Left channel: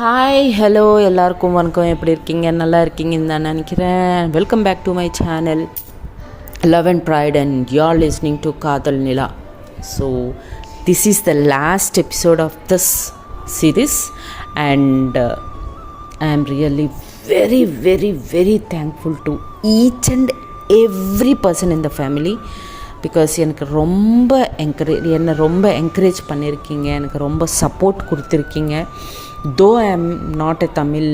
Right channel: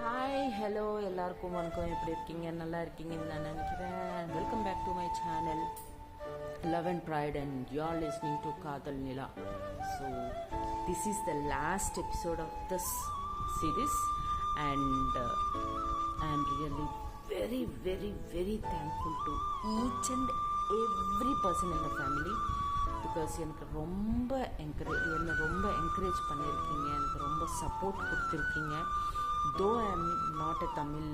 Hi hello எல்லாருக்கும் வணக்கம். எப்படி இருக்கீங்க? நல்லா இருக்கீங்கன்னு நான் நினைக்கிறேன். Welcome back to my channel love and pride and you are listening to Kadhal Nila. So this is the last episode of this series and I am really very very very thankful to each and every person in the family because எனக்கு ரொம்ப என்னை ரொம்ப encourage பண்ணியிருக்கீங்க, எனக்கு ரொம்ப support கொடுத்துருக்கீங்க. Though I am not a Tamil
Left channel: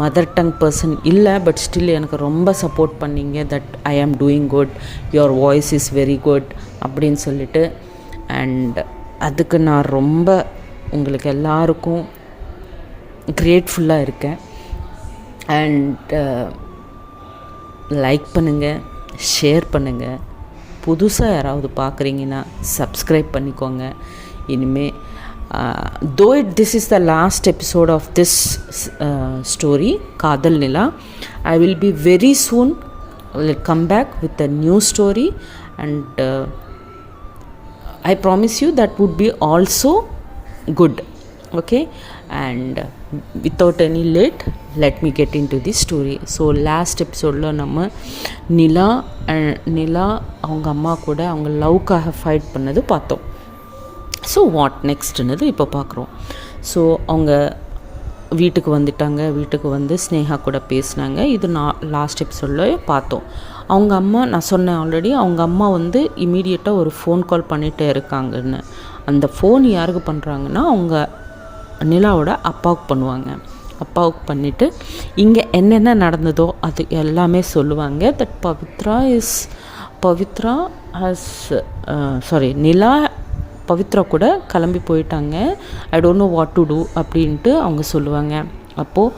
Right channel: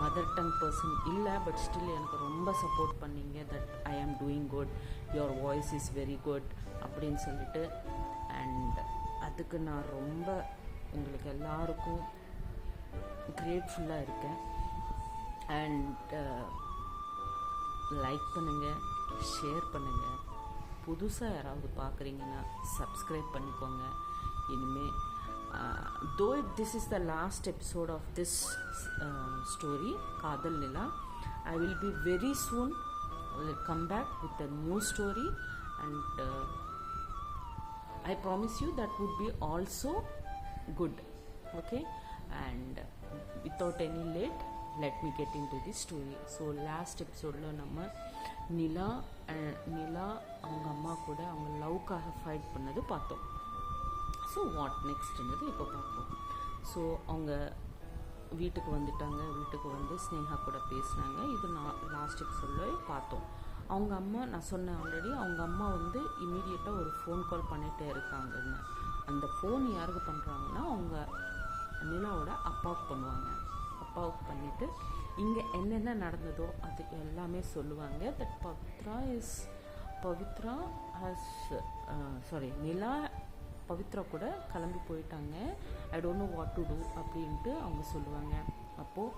mother tongue person இல்லை, but still எனக்கு ரொம்ப சப்போர்ட் பண்ணீங்க. That I am doing good, your voice is very good அப்படின்னு சொல்லிட்டு. அண்ட் அதுக்கு நான் ரொம்ப உங்களுக்கு எல்லாருக்கும் கிரேட்ஃபுல்லாக இருக்கேன். அண்ட் லைக் பண்ணுங்கள், ஷேர் பண்ணுங்கள். புதுசாக யாராவது பார்க்குறீங்கன்னா சப்ஸ்கிரைப் பண்ணிக்கோங்க. இனிமேல் though this is the last episode of this story Kadal Nila, I will be very soon come back with a new story and I promise you that would be also good. Okay, and without any late, let me get into this story. So last episode la நம்ம நிலா அவங்க அம்மா கூட அவங்க லவ்க்காக fight பண்ணது பார்த்தோம். So what நெக்ஸ்ட்னது இப்போ பார்க்குறோம். So அவங்க வீட்டுக்கு வந்துட்டாங்க. வீட்டுக்கு வந்து ஸ்னேகா கூட பேசினாங்க. இது நான் லாஸ்ட் எபிசோடில் பார்த்தோம். அவங்க அம்மா, நான் சொன்னேன் ஆல்ரெடி, அவங்க அம்மா வந்து இமீடியட்டாக ஒரு ஃபோன் கால் பண்ணிகிட்டே இருக்காங்கன்னு. அந்த ஃபோன் யாருக்கு பண்ணுறாங்கன்னா அவங்க நிலாவோட அப்பாவுக்கு பண்ணுவாங்க. அப்பாவுக்கு பண்ணிவிட்டு இங்கே என்னென்ன நடந்ததோ அது எல்லாமே சொல்லுவாங்க. தட் நிலா பவித்ரா கூட கிளம்பி போயிட்டாங்க. I don't know what to do அப்படின்ட்டு அவங்க சொல்லுவாங்க. அப்போது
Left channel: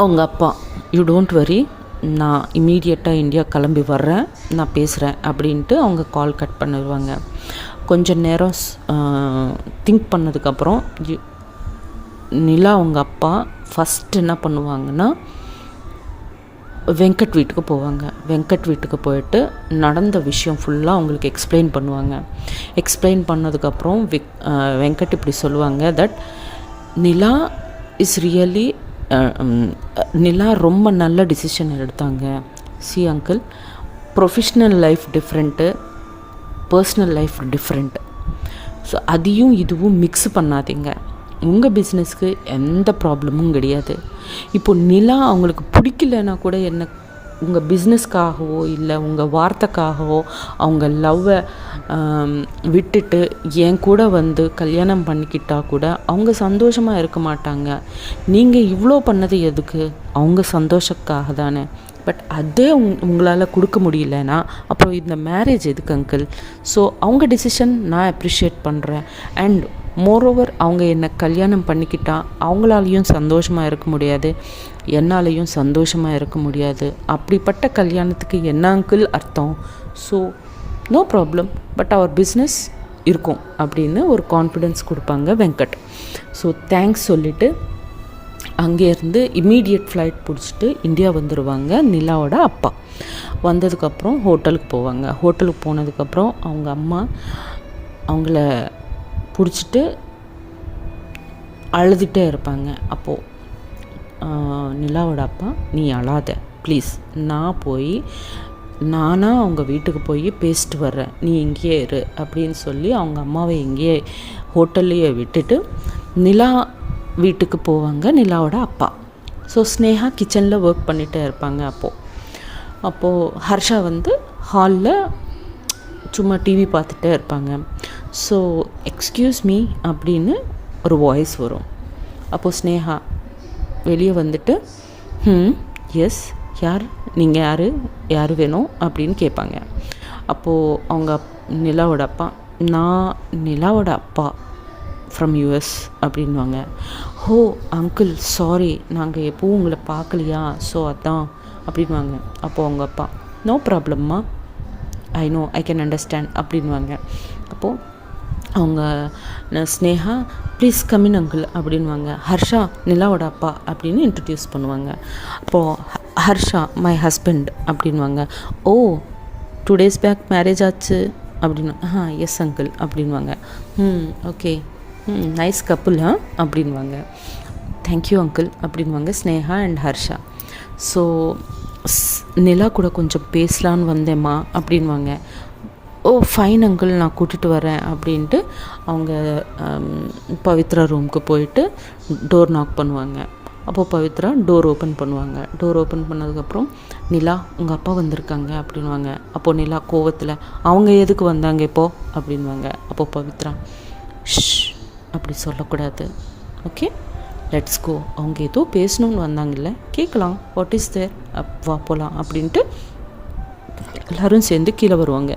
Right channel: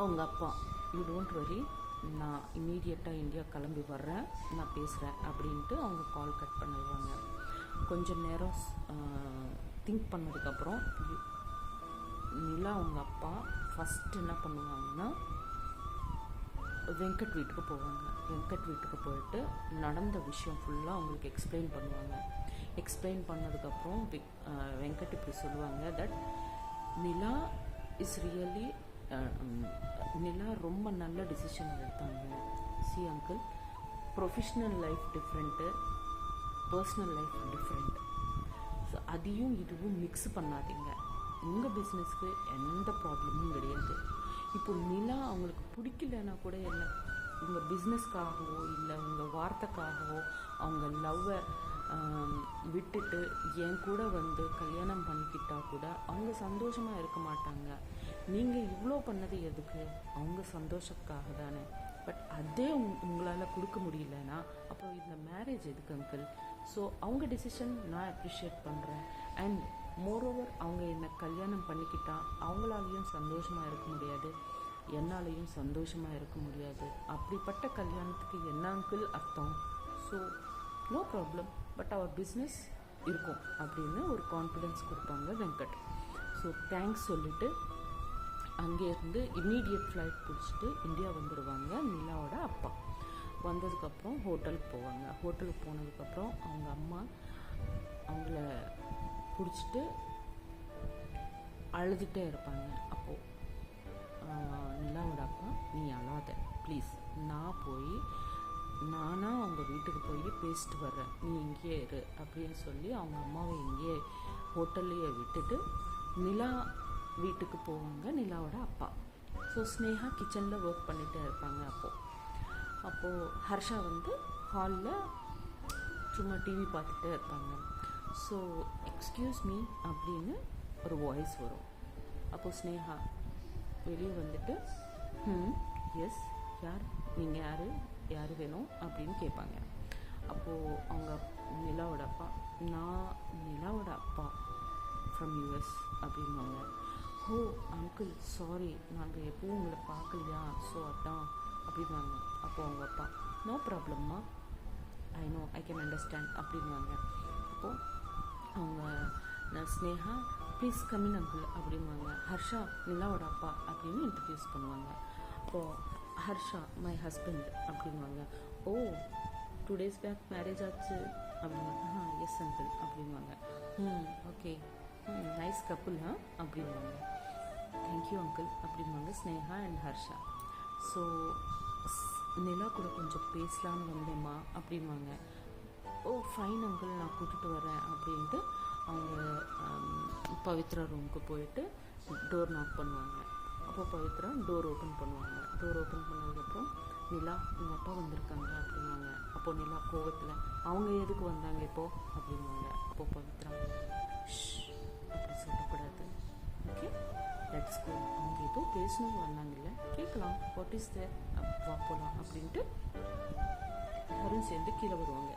அவங்க அப்பா, யூ டோன்ட் வரி, நான் இமீடியட்டாக இந்தியா கிளம்பி வர்றேன், நான் பேசுகிறேன் அப்படின்ட்டு அவங்க கால் கட் பண்ணிடுவாங்க. கொஞ்சம் நேரம் திங்க் பண்ணதுக்கப்புறம் நிலா அவங்க அப்பா ஃபஸ்ட் என்ன பண்ணுவாங்கன்னா வெங்கட் வீட்டுக்கு போவாங்க. வெங்கட் வீட்டுக்கு போயிட்டு நடந்த விஷயம் ஃபுல்லாக அவங்களுக்கு எக்ஸ்பிளைன் பண்ணுவாங்க. எக்ஸ்பிளைன் பண்ணதுக்கப்புறம் வெங்கட் இப்படி சொல்லுவாங்க தட் நிலா இஸ் ரியலி நிலா ரொம்ப நல்ல டிசிஷன் எடுத்தாங்க. C uncle, professional life different, personal life different. So அதையும் இதுவும் மிக்ஸ் பண்ணாதீங்க. உங்கள் பிஸ்னஸ்க்கு எந்த ப்ராப்ளமும் கிடையாது. இப்போ நிலா அவங்களுக்கு பிடிக்கலன்னா கூட என்ன, உங்கள் பிஸ்னஸ்க்காகவோ இல்லை உங்கள் வார்த்தைக்காகவோ அவங்க லவ்வை விட்டுட்டு என் கூட வந்து கல்யாணம் பண்ணிக்கிட்டால் கூட அவங்க சந்தோஷமாக இருக்க மாட்டாங்க. நீங்கள் இவ்வளோ பண்ணது எதுக்கு? அவங்க சந்தோஷக்காக தானே. பட் அதே உங்களால் கொடுக்க முடியலன்னா அப்புறம் இந்த மேரேஜ் எதுக்கு அங்கிள்? ஸோ அவங்க டிசிஷன் நான் அப்ரிஷியேட் பண்ணுறேன். அண்ட் மோரோவர் அவங்க என்னை கல்யாணம் பண்ணிக்கிட்டா அவங்களாலையும் சந்தோஷமாக இருக்க முடியாது, என்னாலையும் சந்தோஷமாக இருக்க முடியாது. அப்படிப்பட்ட கல்யாணத்துக்கு என்ன அங்கிள் அர்த்தம்? ஸோ நோ ப்ராப்ளம், பட் அவர் பிஸ்னஸ் இருக்கும் அப்படின்னு ஒரு கான்ஃபிடென்ஸ் கொடுப்பாங்க வெங்கட். ஸோ தேங்க்ஸ் சொல்லிவிட்டு அங்கேருந்து இம்மீடியட் ஃப்ளைட் பிடிச்சிட்டு இந்தியா வந்துடுவாங்க நிலாவோட அப்பா. வந்ததுக்கப்புறம் ஹோட்டலுக்கு போவாங்க. ஹோட்டலுக்கு போனதுக்கப்புறம் அவங்க அம்மா அவங்கள பிடிச்சிட்டு அழுதுகிட்டே இருப்பாங்க. அப்போது நிலாவோட அப்பா, நீ அழாத ப்ளீஸ், நான் போய் நானாக அவங்க வீட்டுக்கு போய் பேசிட்டு வர்றேன், நீ இங்கேயே இரு அப்படின்னு சொல்லி அவங்க அம்மாவை இங்கேயே ஹோட்டல்லையே விட்டுட்டு நிலா வீட்டுக்கு போவாங்க நிலாவோட அப்பா. ஸோ ஸ்னேகா கிச்சனில் ஒர்க் பண்ணிகிட்டே இருப்பாங்க. அப்போது ஹர்ஷா வந்து ஹாலில் சும்மா டிவி பார்த்துட்டே இருப்பாங்க. ஸோ எக்ஸ்கியூஸ் மீ அப்படின்னு ஒரு வாய்ஸ் வரும். அப்போது ஸ்னேகா வெளியே வந்துட்டு எஸ், யார் நீங்கள், யார் வேணும் அப்படின்னு கேட்பாங்க. அப்போது அவங்க நிலாவோட அப்பா, நான் நிலாவோட அப்பா ஃப்ரம் யூஎஸ் அப்படின்வாங்க. ஹோ அங்கிள், சாரி, நாங்கள் எப்போவும் உங்களை பார்க்கலையா, ஸோ அதான் அப்படின்வாங்க. அப்போது அவங்க அப்பா, நோ ப்ராப்ளம்மா, I know, I can understand அப்படின்வாங்க. அப்போது அவங்க ஸ்னேகா, ப்ளீஸ் கம்மின் அங்கிள் அப்படின்வாங்க. ஹர்ஷா நிலாவோட அப்பா அப்படின்னு இன்ட்ரடியூஸ் பண்ணுவாங்க. அப்போது ஹர்ஷா மை ஹஸ்பண்ட் அப்படின்வாங்க. ஓ 2 days பேக் மேரேஜ் ஆச்சு அப்படின்னு. எஸ் அங்கிள் அப்படின்வாங்க. ஓகே நைஸ் கப்புள் அப்படின்வாங்க. தேங்க்யூ அங்கிள் அப்படின்வாங்க ஸ்னேகா அண்ட் ஹர்ஷா. ஸோ நிலா கூட கொஞ்சம் பேசலான்னு வந்தேம்மா அப்படின்வாங்க. ஓ ஃபைன் அங்கிள், நான் கூட்டிகிட்டு வரேன் அப்படின்ட்டு அவங்க பவித்ரா ரூமுக்கு போயிட்டு டோர் நாக் பண்ணுவாங்க. அப்போது பவித்ரா டோர் ஓப்பன் பண்ணுவாங்க. டோர் ஓப்பன் பண்ணதுக்கப்புறம் நிலா உங்கள் அப்பா வந்திருக்காங்க அப்படின்வாங்க. அப்போது நிலா கோவத்தில் அவங்க எதுக்கு வந்தாங்க இப்போது அப்படின்வாங்க. அப்போது பவித்ரா ஷ் அப்படி சொல்லக்கூடாது, ஓகே லெட்ஸ் கோ, அவங்க ஏதோ பேசணுன்னு வந்தாங்கல்ல, கேட்கலாம், வாட் இஸ் தேர், வா போகலாம் அப்படின்ட்டு எல்லோரும் சேர்ந்து கீழே வருவாங்க.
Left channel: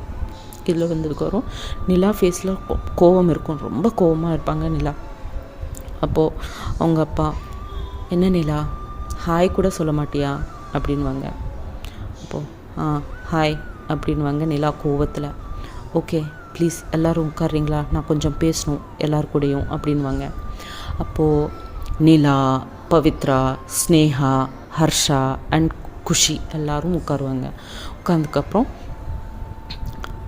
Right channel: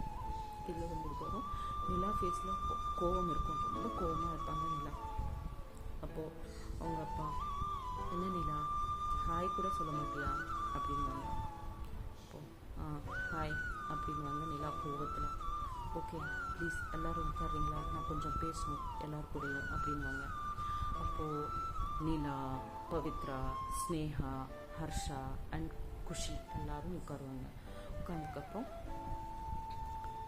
கீழே வந்ததுக்கப்புறம் நிலா ஃபேஸில் கோவம் இருக்கும், ரொம்ப கோவமாக இருப்பாங்க நிலா. அப்போது அவங்க அப்பா என்ன நிலா ஹாய் கூட சொல்ல மாட்டியா அப்படின்வாங்க. அப்போது ஹாய் அப்படின்வாங்க நிலா கோவத்தில். ஓகே ப்ளீஸ் எல்லோரும் உட்கார்றீங்களா, நான் கொஞ்சம் பேசணும் எல்லார் கூடயும் அப்படின்வாங்க. அப்போது நிலா, பவித்ரா, ஸ்னேகா, ஹர்ஷா அண்ட் குஷி எல்லோரும் உட்காருவாங்க. உட்காந்ததுக்கப்புறம்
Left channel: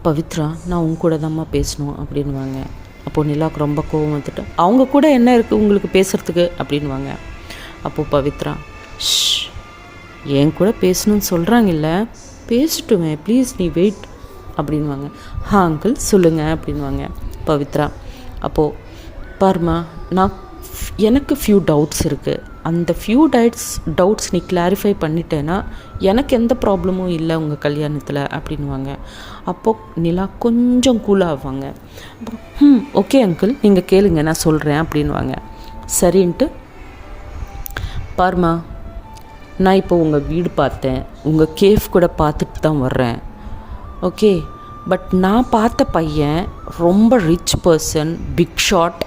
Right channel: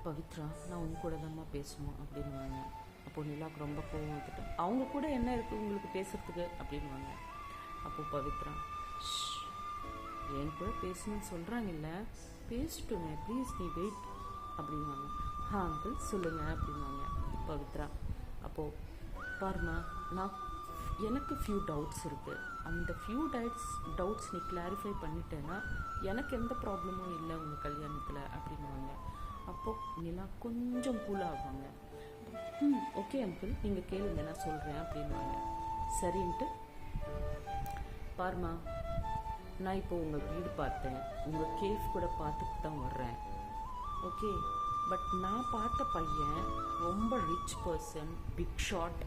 பவித்ரா நான் உங்க கூட தான்மா பேசணும் அப்படின்வாங்க. அப்போது நிலாவுக்கு ரொம்ப கோவம் வந்துட்டு அவங்க கூட என்ன இருக்குது உங்களுக்கு பேசுகிறதுக்கு அப்படின்வாங்க. அப்போது பவித்ரா ஷ் என் கூட பேசணும்னு சொல்கிறாங்கல்ல, பேசிட்டுமே ப்ளீஸ் நீ வெயிட் அப்படின்வாங்க. அங்கிள் சொல்லுங்கள் அப்படின்வாங்க பவித்ரா. அப்போது பாருமா, எனக்கு ஃபியூ டவுட்ஸ் இருக்குது, அந்த ஃபியூ டவுட்ஸ் நீ கிளாரிஃபை பண்ணிட்டேன்னா எனக்கு எந்த ப்ராப்ளமும் இல்லை உங்கள் கல்யாணத்தில் அப்படின்வாங்க. அப்போது நிலா கொஞ்சம் கூலாகுவாங்க. அப்புறம் ஓகே அங்கிள் நீங்கள் கேளுங்க நான் சொல்கிறேன் அப்படின்வாங்க. சரின்ட்டு பாருமா, நான் இப்போ உங்கள் வீடு பார்த்தேன், உங்கள் கேஃப் கூட பார்த்துட்டு தான் வர்றேன், ஓகே பட் நான் பார்த்த பையன் ரொம்ப rich person, big shot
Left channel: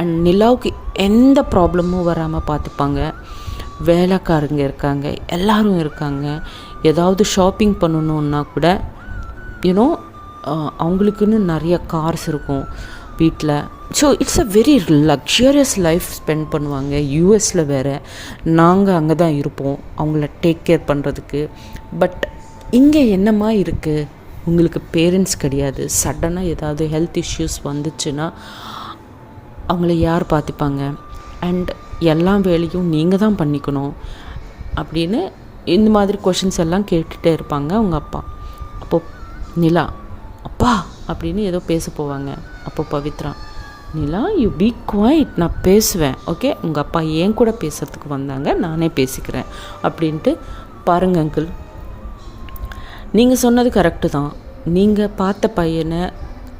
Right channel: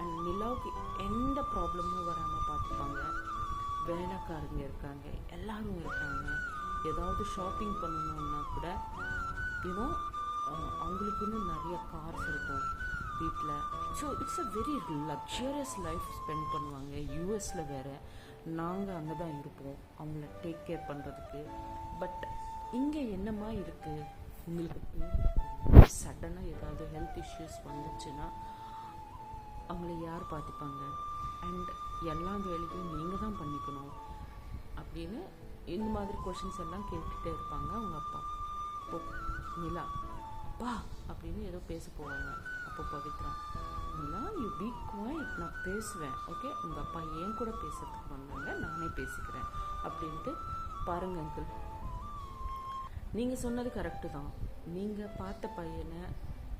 and நிலாவுக்கு எந்த ப்ராப்ளமும் வராமல் பார்த்துப்பாங்க. வேலைக்காரங்க இருக்காங்க, எல்லோரும் இருக்காங்க. ஏதாவது ஷாப்பிங் பண்ணணுன்னா கூட யூனோ அவங்களுக்குன்னு நிறைய கார்ஸ் இருக்கும் வீட்டில். So it's a very luxurious life spend பண்ணுவாங்க. யூஎஸில் வேறு, நாங்கள் அங்கே தான் இருப்போம் அவங்கள டேக் கேர் பண்ணுறதுக்கு. பட் இங்கே என்னமா இருக்குது, உங்களுக்கு பேரண்ட்ஸ் கிடையாது, சடனாக ஏதாவது ஹெல்த் இஷ்யூஸ் வந்துச்சுன்னா அவங்கள யார் பார்த்துப்பாங்க, அண்ட் எல்லா வேலையும் நீங்கள் தான் பண்ணிக்கணும் அப்படின்னு இந்த மாதிரி கொஷின்ஸ் எல்லாம் கேட்டுகிட்டே இருப்பாங்க அவங்க அப்பா. அப்போது நிலா அப்பா அப்படின்னு ஏதோ பேச போவாங்க. அப்போது பவித்ரா நிலா யூ பி குவைட், நான் பேசுவேன், ஓகே உங்கள் அப்பா ஏன் கூட பேசுகிறதுக்கு வந்தாங்க, நானே பேசிக்கிறேன் அப்படின்ட்டு. பாருங்க அங்கிள், நீங்கள் சொன்னது கரெக்டு தான். நீங்கள் பார்த்த பையனை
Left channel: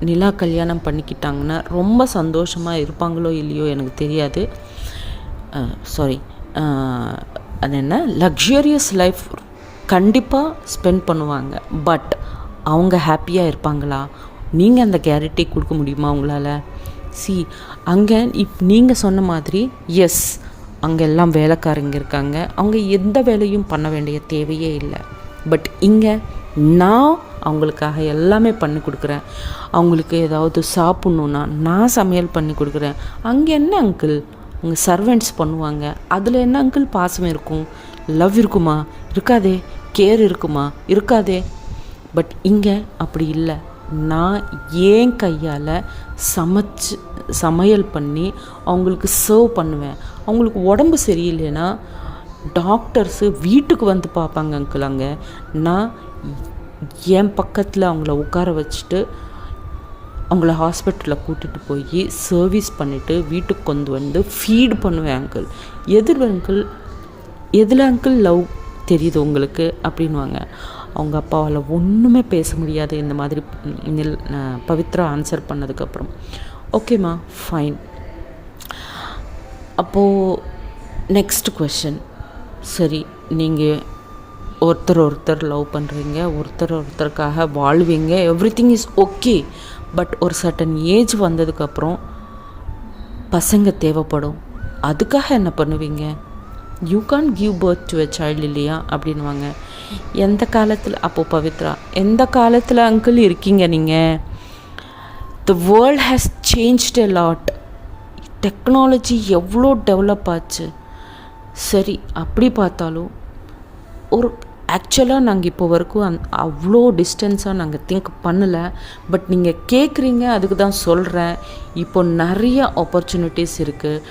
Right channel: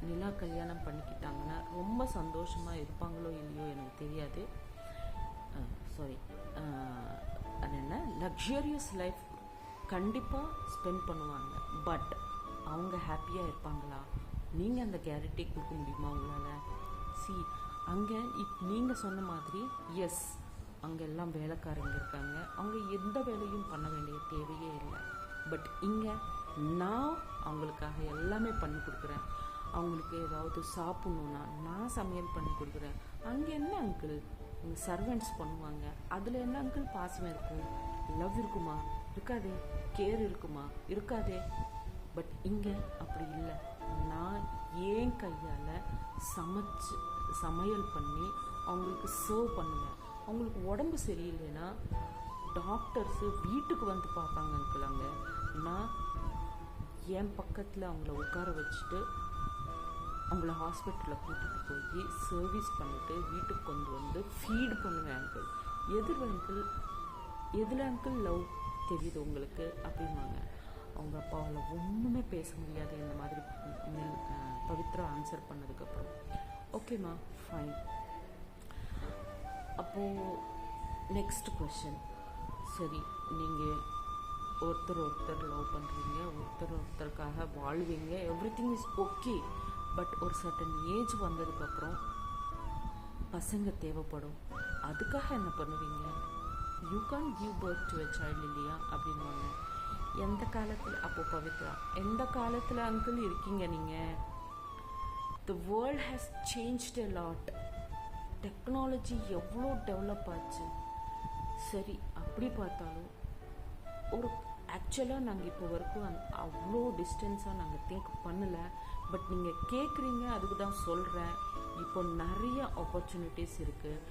நிலா கல்யாணம் பண்ணிக்கிட்டாங்கன்னா ரொம்ப சந்தோஷமாக இருப்பாங்களோ இல்லையோ எனக்கு தெரியாது. சாரி, அது என்ன லக்ஸரியஸ் லைஃப் கண்டிப்பாக ஸ்பெண்ட் பண்ணுவாங்க. பட் அவங்க ஹாப்பியாக இருப்பாங்களா, நீங்கள் அந்த கேரண்டி கொடுக்க முடியுமா உங்களால்? அங்கே நீங்கள் சொன்ன மாதிரி எஸ் அங்கே எல்லாம் வேலைக்காரங்க இருக்காங்க, அவங்க எந்த வேலையும் பண்ண வேண்டிய தேவையே இல்லை. பட் இங்கே நான் அவங்களுக்காக எல்லாமே பண்ணி கொடுக்குறேன். அவங்களுக்கு ஏதாவது சாப்பிட்ணுன்னா நான் சமையல் பண்ணி கொடுக்குறேன். அங்கே என்ன அங்கிள் உங்கள் சர்வெண்ட்ஸ் பண்ணுவாங்க, அதில் என்ன அங்கிள் பாசம் இருக்கும், லவ் இருக்குமா, இருக்காதே, கேர் இருக்குமா, இருக்காதே. பட் இங்கே அப்படி இல்லை. நான் ஏன் கையால் சமையல் பண்ணி அவங்களுக்கு சர்வ் பண்ணுவேன். அவங்களுக்கு உடம்பு சரியில்லைன்னா டாக்டர்ஸு வீட்டுக்கு வந்து பார்ப்பாங்க அங்கிள். அங்கே நான் என் பக்கத்தில் அவங்கள உட்கார வச்சுட்டு அவங்கள ஹாஸ்பிட்டலில் கூட்டிகிட்டு போய் சர்வீஸ் பண்ணிவிட்டு வீட்டுக்கு கொண்டு வந்து ஃபீட் பண்ணுவேன் அங்கிள். எதில் அங்கிள் லவ் தெரியுது உங்களுக்கு அப்படின்வாங்க. அவங்க அப்பாவால் ஒன்றுமே பேச முடியாது இந்த மாதிரி பவித்ரா ஆன்சர் பண்ணதுக்கப்புறம். ஓகேம்மா ஃபைன். அப்போது நெக்ஸ்ட் கொஷின். சரி, நீங்கள் ஒருத்தர் லவ் பண்ணுறீங்க, ஒருத்தருக்காக வாழ்வீங்க, everything is okay. But ஒரு சர்டன் ஏஜ் வந்ததுக்கப்புறம் பசங்க தேவைப்படும், அதுக்காக என்ன பண்ணுவீங்க? You can give birth to a child இல்லையா அப்படின்வாங்க. எந்த காலத்தில், அப்போது பவித்ரா எந்த காலத்தில் அங்கிள் இருக்கீங்க நீங்கள்? The world has changed a lot. Technology எவ்வளோ டெவலப் ஆச்சு. சரி, அப்படி பார்த்தாலும் ஒரு ஆக்சுவலாக நாங்கள் இப்போ வரைக்கும் அவ்வளோ டிஸ்டன்ஸாக நாங்கள் திங்க் பண்ணலை. பட் நீங்கள் கேட்குறீங்க, அதுக்கு தான் சொல்கிறேன். இப்போ நிறைய ஆப்பர்ச்சுனிட்டிஸ் இருக்குது,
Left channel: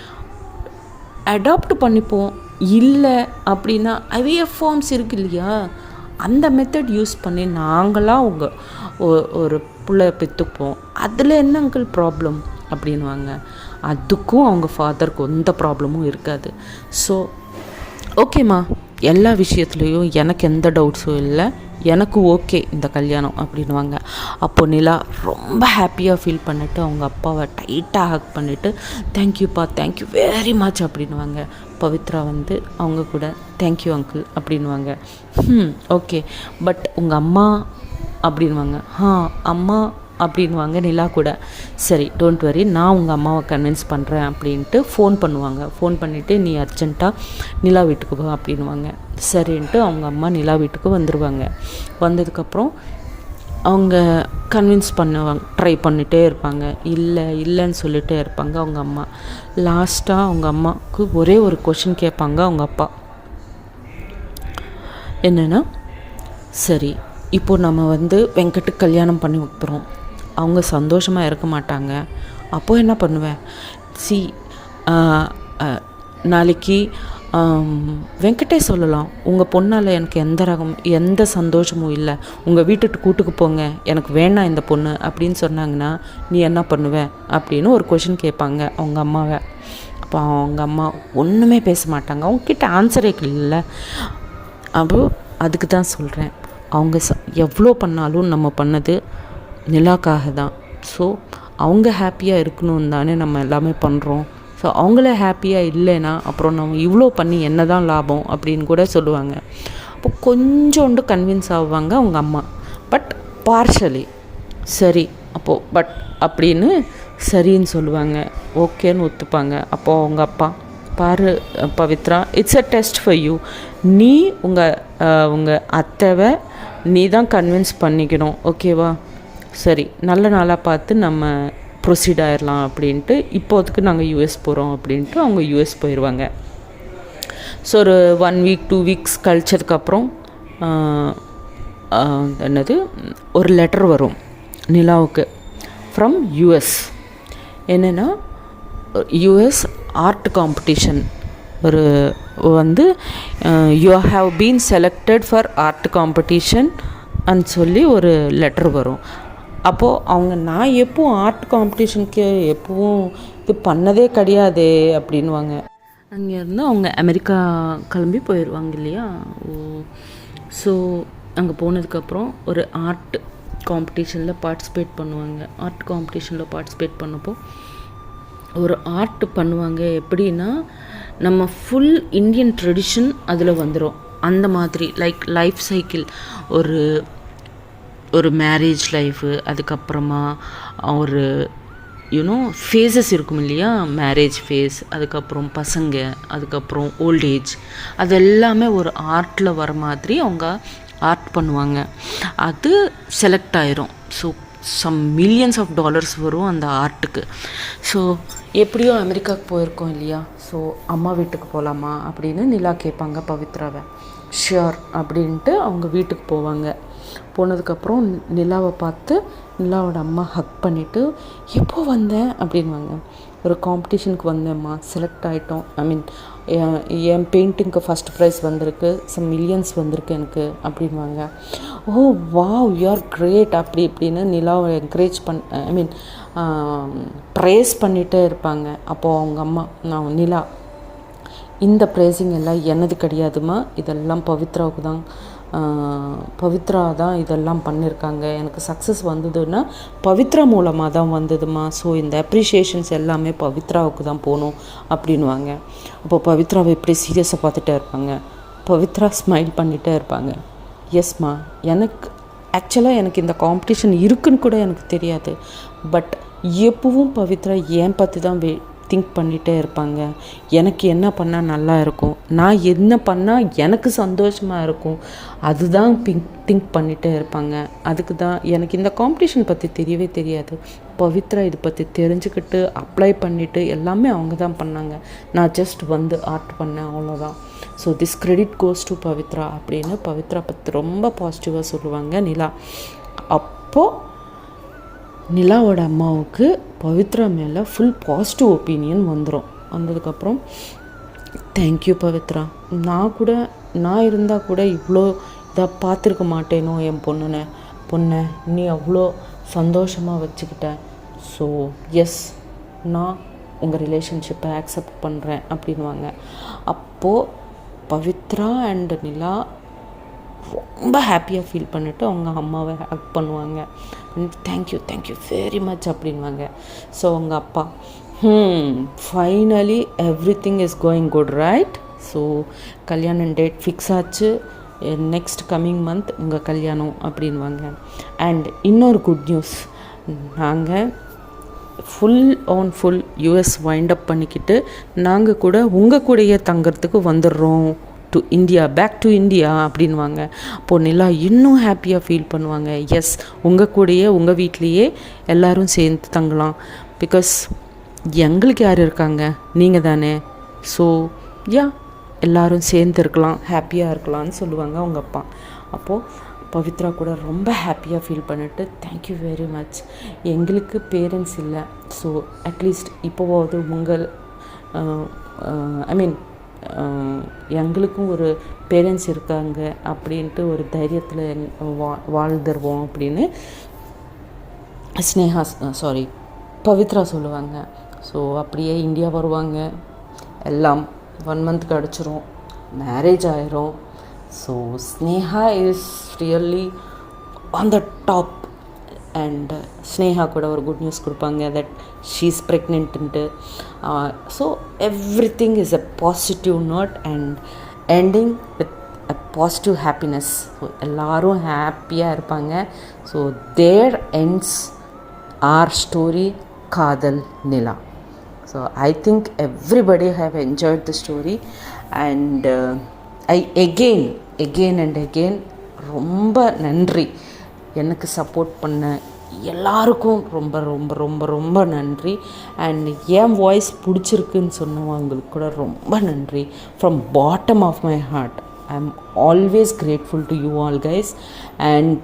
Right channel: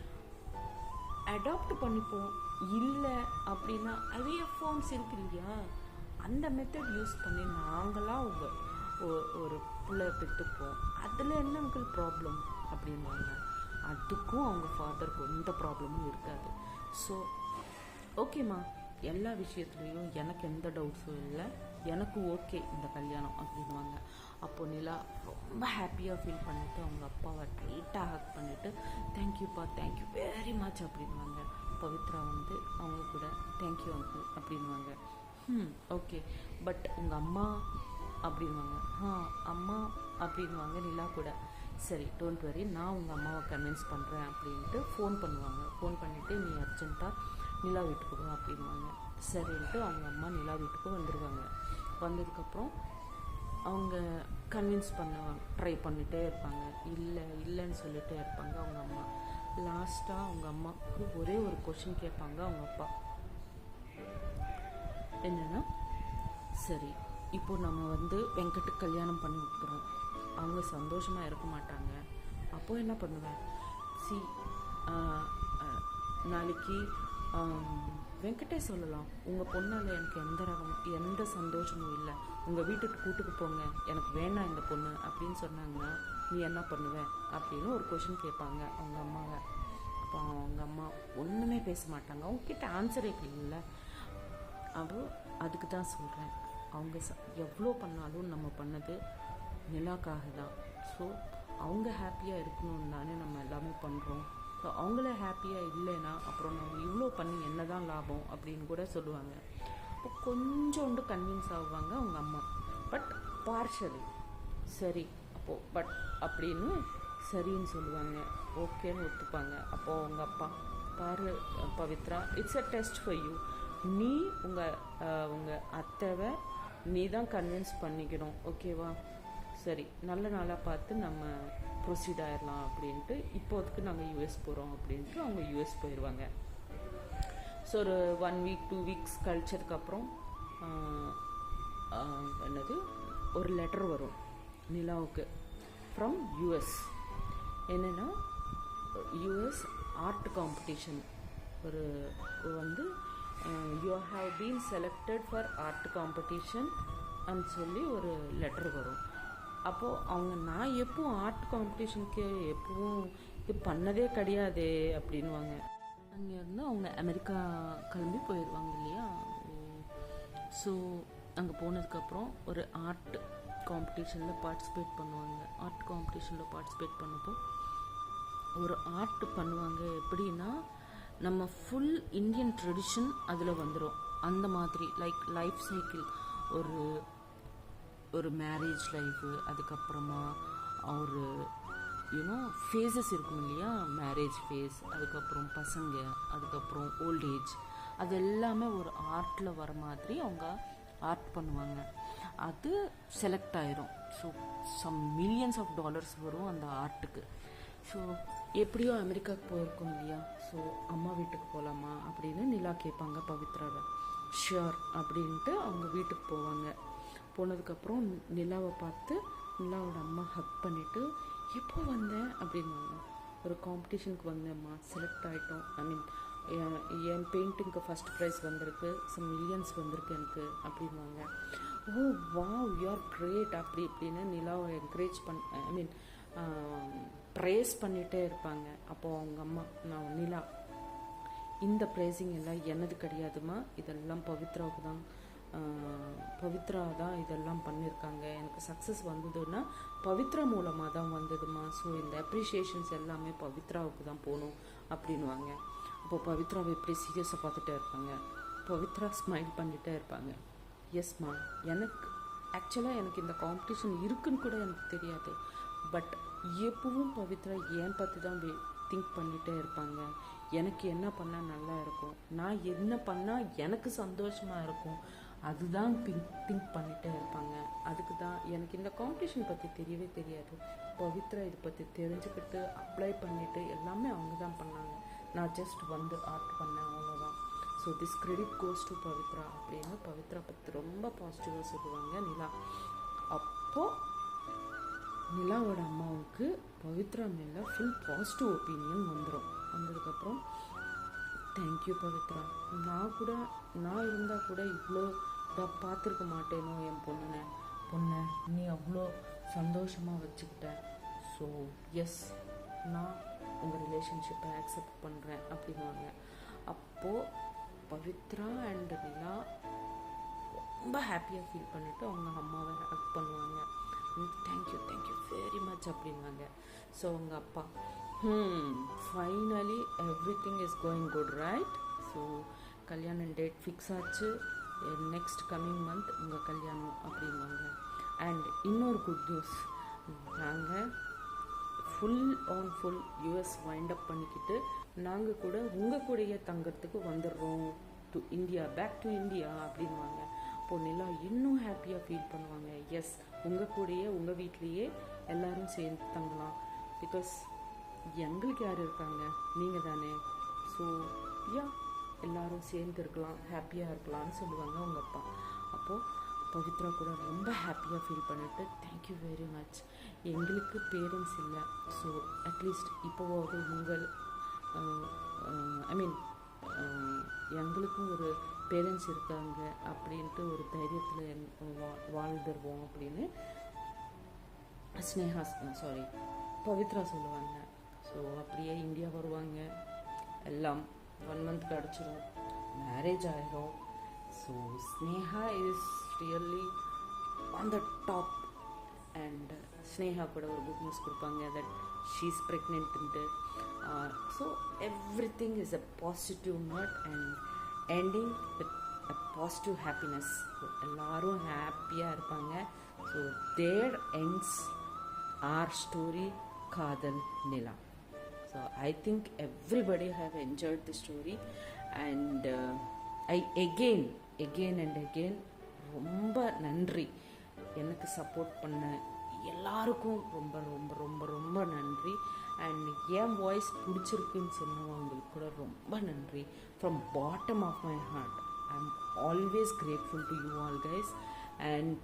அடாப்ட் பண்ணிப்போம். இல்லை அப்படின்னா ஐவிஎஃப் ஃபார்ம்ஸ் இருக்குது இல்லையா, அந்த மெத்தட் யூஸ் பண்ணி நாங்களாம் ஒரு பிள்ளை பெற்றுப்போம். அதில் என்ன அங்கிள் ப்ராப்ளம் அப்படின்வாங்க. அதுக்கும் அவங்க ஃபாதருக்கு எந்த ப்ராப்ளமும் இருக்காது. ஸோ ஓகேம்மா, எல்லா விஷயத்துலேயும் எனக்கு எந்த டவுட்ஸும் இல்லை, எனக்கு ஓகே இந்த கல்யாணம் அப்படின்வாங்க. அப்போ நிலா ரொம்ப ஹாப்பியாக ஃபீல் பண்ணிவிட்டு அவங்க அப்பாவை டைட்டாக ஹக் பண்ணிவிட்டு தேங்க்யூப்பா, தேங்க்யூ வெரி மச் அப்படின்வாங்க. பவித்ரா வந்து அவங்க கூட தேங்க்யூ அங்கிள் அப்படின்வாங்க. ஓகே, பட் உங்கள் அம்மா அப்படின்வாங்க. அம்மா அப்படின்வாங்க நிலா கூட. சரி, டோன்ட் வரி, நான் உங்கள் அம்மாவை கன்வின்ஸ் பண்ணுறேன் அப்படின்ட்டு ஃபோன் பண்ணுவாங்க. ஃபோன் பண்ணிவிட்டு நீ அர்ஜென்ட்டாக நிலா வீட்டுக்கு போ அப்படின்வாங்க. சரின்ட்டு அவங்க அம்மா நிலா வீட்டுக்கு வந்துடுவாங்க. வந்ததுக்கப்புறம் அவங்க கன்வின்ஸ் பண்ணுவாங்க, ட்ரை பண்ணிகிட்டே இருப்பாங்க. இல்லைன்னு சொல்லிகிட்டே இருப்பாங்க அவங்க அம்மா. லாஸ்ட்டாக அவங்க அம்மாவுக்கு ஒரே ஒரு கொஷின் கேட்பாங்க அவங்க அப்பா. என்னென்னா, சரி இப்போ நம்ம வந்து வெங்கட்டுக்கு கல்யாணம் பண்ணி வைக்கிறோம், அவங்க சந்தோஷமாக இருக்க மாட்டாங்க, அப்போது என்ன பண்ணுவேன்? நாளைக்கு வெங்கட்டே சொல்லலாம், உங்கள் பொண்ணால் எனக்கு எந்த சந்தோஷமும் இல்லை, உங்கள் வீட்டுக்கு கூட்டுக்கு போங்க, எனக்கு வேணாம் இந்த பொண்ணு அப்படின்னு சொன்னாங்கன்னா நீ என்ன பண்ணுவேன் அப்படின்னு ஒரு கொஷின் கேட்பாங்க அவங்க அம்மாவை. அப்போ அவங்க அம்மா ஒன்றுமே பேச மாட்டாங்க, அவங்கக்கிட்ட ஆன்சரே இல்லை. அப்போ அதுக்கு தான் சொல்கிறேன், அவங்க எவ்வளோ பண்ணாலும் நம்ம பண்ணது நிலாக்காக தான். ஸோ அவங்க ஹாப்பியாக இருக்கணும் தானே நம்ம எல்லாமே பண்ணுறோம். ஸோ அவங்கள ஹாப்பியாக இல்லைன்னா அப்புறம் நம்ம இவ்வளோ பண்ணி என்ன தான் லாபம் அப்படின்னு கூட சொல்லுவாங்க. அப்போ கொஞ்சோண்டு கன்வின்ஸ் ஆகுவாங்க அவங்க அம்மா, பட் பார்ஷலி. சரி அப்போது பட் அப்படின்னு சரின்னு சொல்லுவாங்க, ஓகேன்னு ஒத்துப்பாங்க. அப்போது அவங்க அப்பா, பாரு Pavithra, it's a test for you, நீ உங்கள் அத்தைவை நீ தான் கன்வின்ஸ் பண்ணிக்கணும், ஓகேவா? சரி, நல்ல நாளாக பார்த்து நம்ம ப்ரொசீட் ஆயிடலாம் அப்படின்ட்டு, இப்போதுக்கு நாங்கள் யூஎஸ் போகிறோம் அப்படின்ட்டு அவங்க யூஎஸ் போயிடுவாங்க. ஸோ ஒரு 1 வீக் 2 வீக்ஸ் கழிச்சதுக்கப்புறம் என்னது ஒரு லெட்டர் வரும் நிலாவுக்கு ஃப்ரம் யூஎஸ். என்னென்னா, யூஎஸ் ஆர்ட் காம்படிஷன் ஒரு வந்து you have been selected for art competition அன்னு சொல்லி ஒரு லெட்டர் வரும். அப்போது அவங்க, நான் எப்பவும் ஆர்ட் காம்படிஷனுக்கு எப்பவும் இது பண்ணதே கிடையாது அப்படின்வாங்க. அங்கேருந்து அவங்க அமெரிக்கா கிளம்பி போயிடுவாங்க இல்லையா. ஸோ அங்கே போனதுக்கப்புறம் ஒரு ஆர்ட் காம்படிஷனில் பார்ட்டிசிபேட் பண்ணுவாங்க. ஆர்ட் காம்படிஷனில் பார்ட்டிசிபேட் பண்ணப்போ ஒரு ஆர்ட் பண்ணுவாங்க. எப்படின்னா, நம்ம ஃபுல் இந்தியன் ட்ரெடிஷன் அதில் வந்துடும். அந்த மாதிரி லைஃப் சைக்கிள், ஒரு மேரேஜ் லைஃபு, அதுக்கப்புறமா ஒரு ஃபேஸஸ் இருக்கும் இல்லையா, மேரேஜ் ஃபேஸ், அதுக்கப்புறம் பசங்க, அதுக்கப்புறம் ஓல்டேஜ், அது எல்லாமே ஒரு ஆர்ட்டில் வர மாதிரி அவங்க ஆர்ட் பண்ணுவாங்க. அது செலக்ட் ஆயிரும். So some millions of dollars வரும் அந்த ஆர்ட்டுக்கு. ஸோ எப்படியோ அமெரிக்காவுக்கு போயிருக்கோம் இல்லையா, ஸோ அம்மா வீட்டுக்கு போகலாமா அப்படின்னு நிலா கேட்பாங்க பவித்ராவை. ஷியோர் அப்படின்ட்டு அவங்க வீட்டுக்கு போவாங்க. போனதுக்கப்புறம் நிலாவை பார்த்து நிலாவோட அம்மா ஹக் பண்ணிவிட்டு, எப்போ வந்தேன் அப்படின்வாங்க. ஒரு காம்படிஷனுக்கு வந்தேம்மா, செலக்ட் ஆகிட்டோம், ஐ மீன் என் பெயிண்டிங்க்கு ஃபஸ்ட் ப்ரைஸ் வந்திருக்கு, சம் மில்லியன்ஸ் வந்திருக்கு எனக்கு அப்படின்வாங்க. Oh wow, you are great அப்படி இப்படின்னு நிலாவை என்கரேஜ் ஐ மீன் ப்ரைஸ் பண்ணிகிட்டே இருப்பாங்க. அப்போது அவங்க அம்மா, நான் நிலா, இந்த ப்ரைஸிங் எல்லாம் எனது கிடையாதுமா, இதெல்லாம் பவித்ரா தான் இதெல்லாம் பண்ணியிருக்காங்க, எனக்கு சக்ஸஸ் வந்ததுன்னா பவித்ரா மூலமாக தான் வந்ததுமா, ஸோ இந்த அப்ரிஷியேஷன்ஸ் எல்லாமே பவித்ராவுக்கு தான் போகணும் அப்படின்வாங்க. அப்போ பவித்ராவை எப்படி சீரியஸாக பார்த்துட்டே இருப்பாங்க. பவித்ரா ஸ்மைல் பண்ணிகிட்டே இருப்பாங்க. எஸ்மா, எனக்கு இந்த காம்படிஷன் இருக்குன்னு கூட எனக்கு தெரியாது, பட் எப்பவும் பவித்ரா ஏன் பற்றி தான் திங்க் பண்ணிகிட்டே இருப்பாங்க. எனக்கு என்ன பண்ணால் நல்லா இருக்கும், நான் என்ன பண்ணால் எனக்கு சந்தோஷமாக இருக்கும், அதுதான் திங்க் பண்ணிகிட்டே இருப்பாங்க. அதுக்கு தான் எனக்கு இந்த காம்படிஷன் பற்றி தெரியவே தெரியாது, பவித்ரா இதை பற்றி தெரிஞ்சுக்கிட்டு அப்ளை பண்ணிவிட்டு எல்லாமே அவங்க தான் பண்ணாங்க. நான் ஜஸ்ட் வந்து ஆர்ட் பண்ணேன், அவ்வளோதான். So this credit goes to Pavithra அப்படின்னு பவித்ரா பற்றி ரொம்ப பாசிட்டிவாக சொல்லுவாங்க நிலா. அப்போது நிலாவோட அம்மாவுக்கு பவித்ரா மேலே ஃபுல் பாசிட்டிவ் ஒப்பீனியன் வந்ததுக்கப்புறம் தேங்க்யூ பவித்ரா, நான் இருந்தால் கூட இவ்வளோ இதாக பார்த்துருக்க மாட்டேனோ என் பொண்ணை நீ அவ்வளோ சந்தோஷமாக வச்சுக்கிட்ட. ஸோ எஸ், நான் உங்கள் ரிலேஷன்ஷிப்பை ஆக்செப்ட் பண்ணுறேன் அப்படின்வாங்க. அப்போது பவித்ரா அண்ட் நிலா ரொம்ப ஹாப்பியாக ஃபீல் பண்ணிவிட்டு அவங்க அம்மாவை ஹேக் பண்ணுவாங்க. தேங்க்யூ வெரி மச் அப்படின்வாங்க. ஸோ அவங்க அப்பா finally everything is going good right. So கல்யாணம் டேட் ஃபிக்ஸ் ஆச்சு, நெக்ஸ்ட் கம்மிங் மந்த் உங்கள் கல்யாணம் அப்படின்வாங்க. அண்ட் இன்னொரு குட் நியூஸ், நாங்கள் ஃபுல் யூஎஸ் வைண்டப் பண்ணிக்கிட்டு நாங்கள் கூட உங்கள் கூடயே தங்கிறதுக்கு வந்துடுறோம் to India, back to India அப்படின்வாங்க. அப்போது நிலா இன்னும் ஹாப்பியாக ஃபீல் பண்ணுவாங்க. எஸ், உங்கள் கூடயே உங்கள் வீட்லேயே எல்லோரும் சேர்ந்து தங்கலாம், பிகாஸ் எங்களுக்கு யார் இருக்காங்க, நீங்கள் தானே. ஸோ எல்லோரும் சேர்ந்து இருக்கலாம், ஹாப்பியாக இருக்கலாம்னு சொல்லுவாங்க அவங்க அப்பா. அப்போது பவித்ரா கூட ரொம்ப ஹாப்பியாக ஃபீல் பண்ணிவிட்டு தேங்க்யூ வெரி மச், எங்களுக்கு பேரண்ட்ஸ் இல்லை, ஸோ அட்லீஸ்ட் இப்போவாவது உங்கள் எங்களுக்கும் ஒரு பேரண்ட்ஸ் இருக்காங்க அப்படின்ட்டு ஒரு தைரியத்தில் வாழ்ந்துருவோம் அப்படின்னு பவித்ரா சொல்லுவாங்க. ஸோ அப்படியே இந்தியா வருவாங்க, எல்லாம் 1 month கிடச்சிரும், மேரேஜ் ஆயிரும். So Sneha is really on the top. And Sneha கூட ஒரு குட் நியூஸ் கொடுப்பாங்க that she is pregnant. So everything is a positive note and ending with a positive happiness. So எல்லோரும் ஹாப்பியாக இருப்பாங்க. So there ends our story Kadal Nila. So I think everybody have enjoyed the story, and I again and again ரொம்ப நன்றி எனக்கு support பண்ண எல்லாருக்கும் ரொம்ப ரொம்ப ரொம்ப ரொம்ப நன்றி. அண்ட் என் வாய்ஸ் பிடிச்சிருக்குன்னு சொன்னவங்களுக்கு கூட ரொம்ப நன்றி. From bottom of my heart I am always grateful to you all guys, and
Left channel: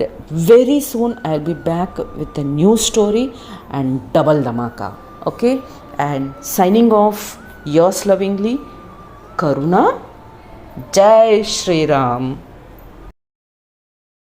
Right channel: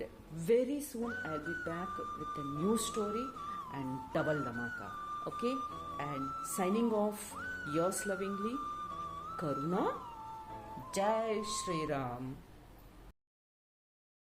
very soon I'll be back with a new story and double dhamaka. Okay, and signing off, yours lovingly, Karuna. Jai Shri Ram.